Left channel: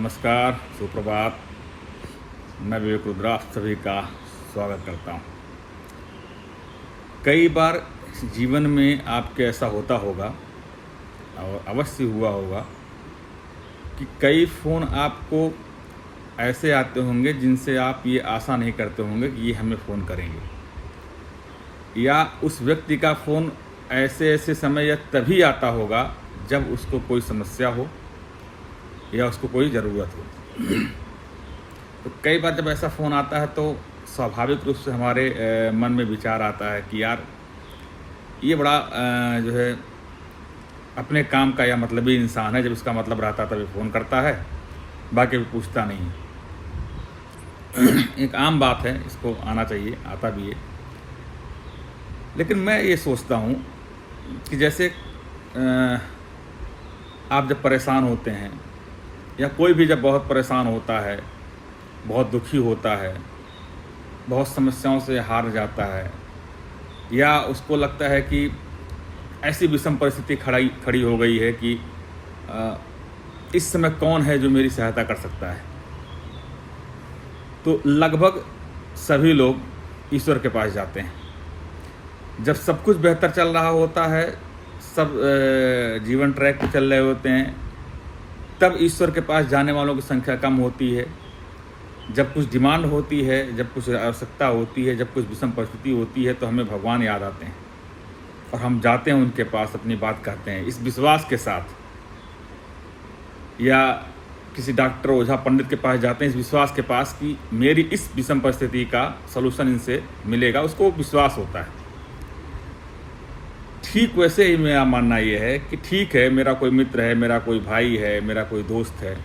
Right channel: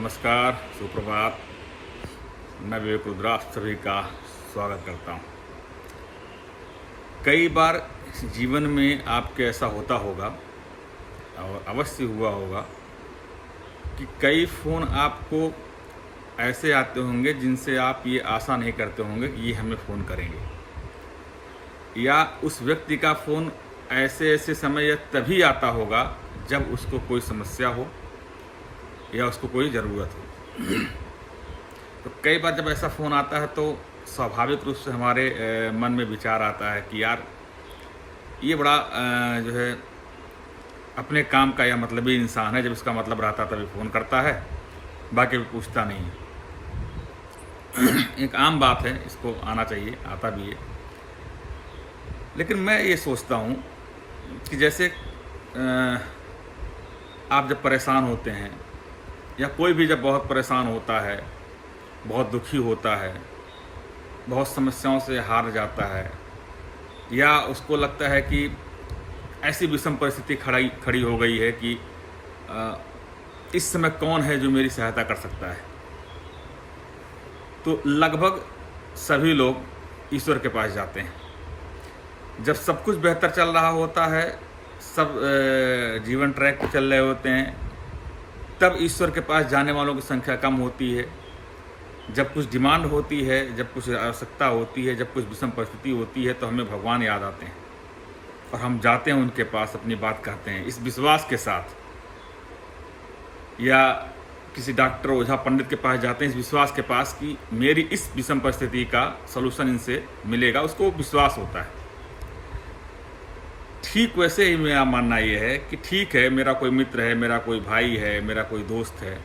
नमस्कार, सुप्रभात। मैं विवेक रुद्रा आप सभी का स्वागत करता हूँ। कई बार जीवन में आपके ऐसा होता होगा और अवश्य हुआ होगा कि कई फ़ोन आपको ऐसे आते होंगे जिनसे आप ये आशा नहीं करते होंगे कि ये हमें फ़ोन करेंगे, या उस व्यक्ति का फ़ोन ऐसे ऐसे समय या तभी आता होगा जब उसको कोई समस्या हो या उसको कोई ज़रूरत हो। तो कई बार जब ऐसा फ़ोन आता है तो स्वाभाविक रूप से हमारे मन में विचार आता है कि यार ये बड़ा जो है अपने काम का या मतलबी इंसान है। जब इसका मतलब रहता तभी फ़ोन करता है, बाकी भी पूछता नहीं है। एक आम बात है, इसको आना चाहिए, आता भी है। लेकिन मैं ये सोचता हूँ कि जैसे आप जब परेशान होते हैं या कोई भी जब बहुत परेशान होता है, बहुत दुखी होता है, बहुत समस्याओं से हार जाता है, या उसको लगता है कि ऐसी विषम परिस्थिति खड़ी हो गई है कि इस समय कौन है जो मेरी सहायता कर सकता है, तो लगभग सभी लोग ईश्वर के पास जाते हैं। जब सब कुछ बेहतर चल रहा होता है, सब जीवन ट्रैक पर चल रहे होते हैं, तब ईश्वर के पास जाने वालों की संख्या कम होती है। जब कुछ डिमांड होती है, जब कुछ आवश्यकता होती है, जब कुछ विषम परिस्थिति होती है, तो हमें भगवान याद आते हैं और हम जाते हैं उनके पास, अपनी बात कहते हैं इस विश्वास के साथ, या किसी डॉक्टर, ओझा, पंडित के पास जाते हैं इस विश्वास के पास कि मेरी इस विषम परिस्थिति का सलूशन इनसे मिलेगा। उसको विश्वास होता है। ठीक वैसे ही मेरा मानना ये है कि ठीक है, मेरा कोई मित्र है, मेरा कोई भाई है, मेरा कोई दोस्त है,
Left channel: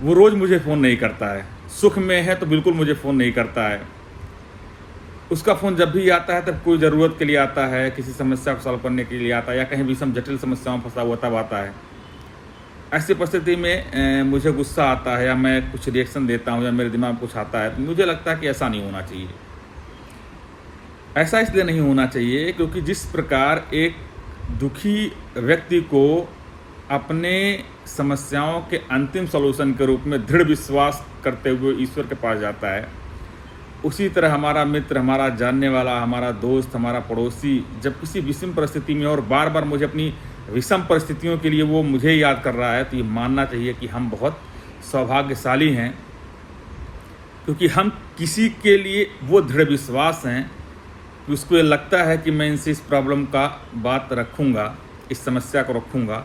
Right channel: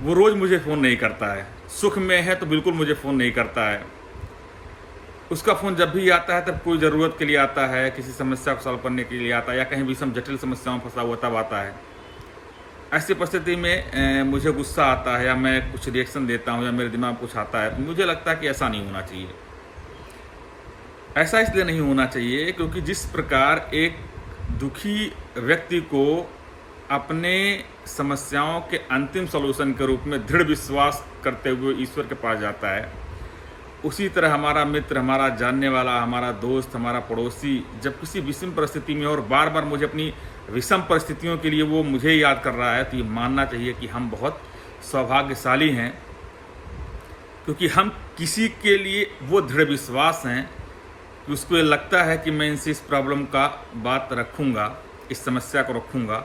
वो रोज़ मुझे फ़ोन नहीं करता है। सुख में है तो बिल्कुल मुझे फ़ोन नहीं करता है। उसका फ़ोन जब भी आता है तब कोई ज़रूरत के लिए आता है, किसी समस्या को सॉल्व करने के लिए आता है, या कहीं विषम जटिल समस्याओं में फंसा हुआ तब आता है। ऐसी परिस्थिति में मुझे गुस्सा आता है, या मैं कुछ रिएक्शन देता हूँ, या मेरे दिमाग में कुछ आता है, तो मुझे लगता है कि ऐसा नहीं होना चाहिए। ऐसा इसलिए नहीं होना चाहिए क्योंकि जिस प्रकार एक दुखी व्यक्ति को अपने समस्याओं के अंतिम सलूशन के रूप में दृढ़ विश्वास करते हुए ईश्वर के पास जाता है, उसी तरह हमारा मित्र, हमारा जानने वाला, हमारा दोस्त, हमारा पड़ोसी जब किसी विषम परिस्थिति में और बार बार मुझे अपनी विषम परिस्थितियों के लिए वो मुझे याद कर रहा है, तो ये मानना चाहिए कि हम बहुत सौभाग्यशाली हैं, क्योंकि हम किसी के लिए वो दृढ़ विश्वास हैं कि उसको ये लगता है कि मैं इनसे इस प्रॉब्लम का बात रखूँगा, इस समस्या को रखूँगा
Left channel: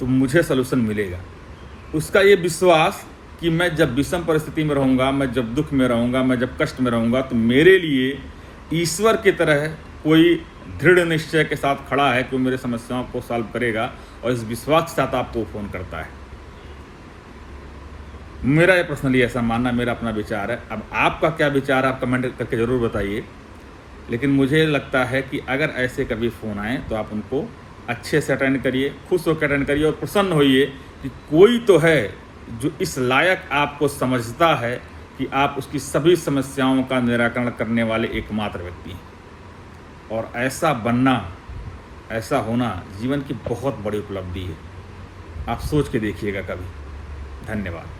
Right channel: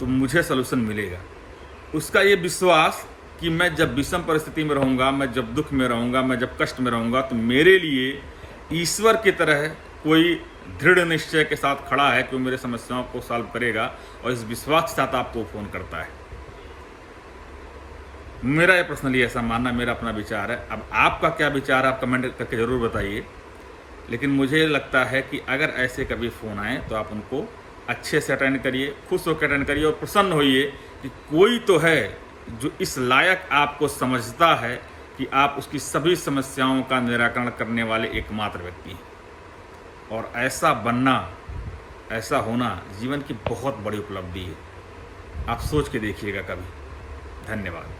तो मुझे सलूशन मिलेगा। उसका ये विश्वास कि मैं जब विषम परिस्थिति में रहूँगा, मैं जब दुख में रहूँगा, मैं जब कष्ट में रहूँगा, तो मेरे लिए ईश्वर की तरह कोई दृढ़ निश्चय के साथ खड़ा है कि वो मेरे समस्याओं को सॉल्व करेगा, और इस विश्वास के साथ आपको फ़ोन करता है। मेरा ये पर्सनली ऐसा मानना, मेरा अपना विचार है। अब आपका क्या विचार है, आप कमेंट करके ज़रूर बताइए। लेकिन मुझे लगता है कि अगर ऐसे कभी फ़ोन आए तो आप उनको अच्छे से अटेंड करिए, खुश होकर अटेंड करिए, और प्रसन्न होइए कि कोई तो है जो इस लायक आपको समझता है कि आप उसकी सभी समस्याओं का निराकरण करने वाले एकमात्र व्यक्ति हैं। और ऐसा बनना, ऐसा होना जीवन की बहुत बड़ी उपलब्धि है। आप सोच के देखिएगा कभी। धन्यवाद।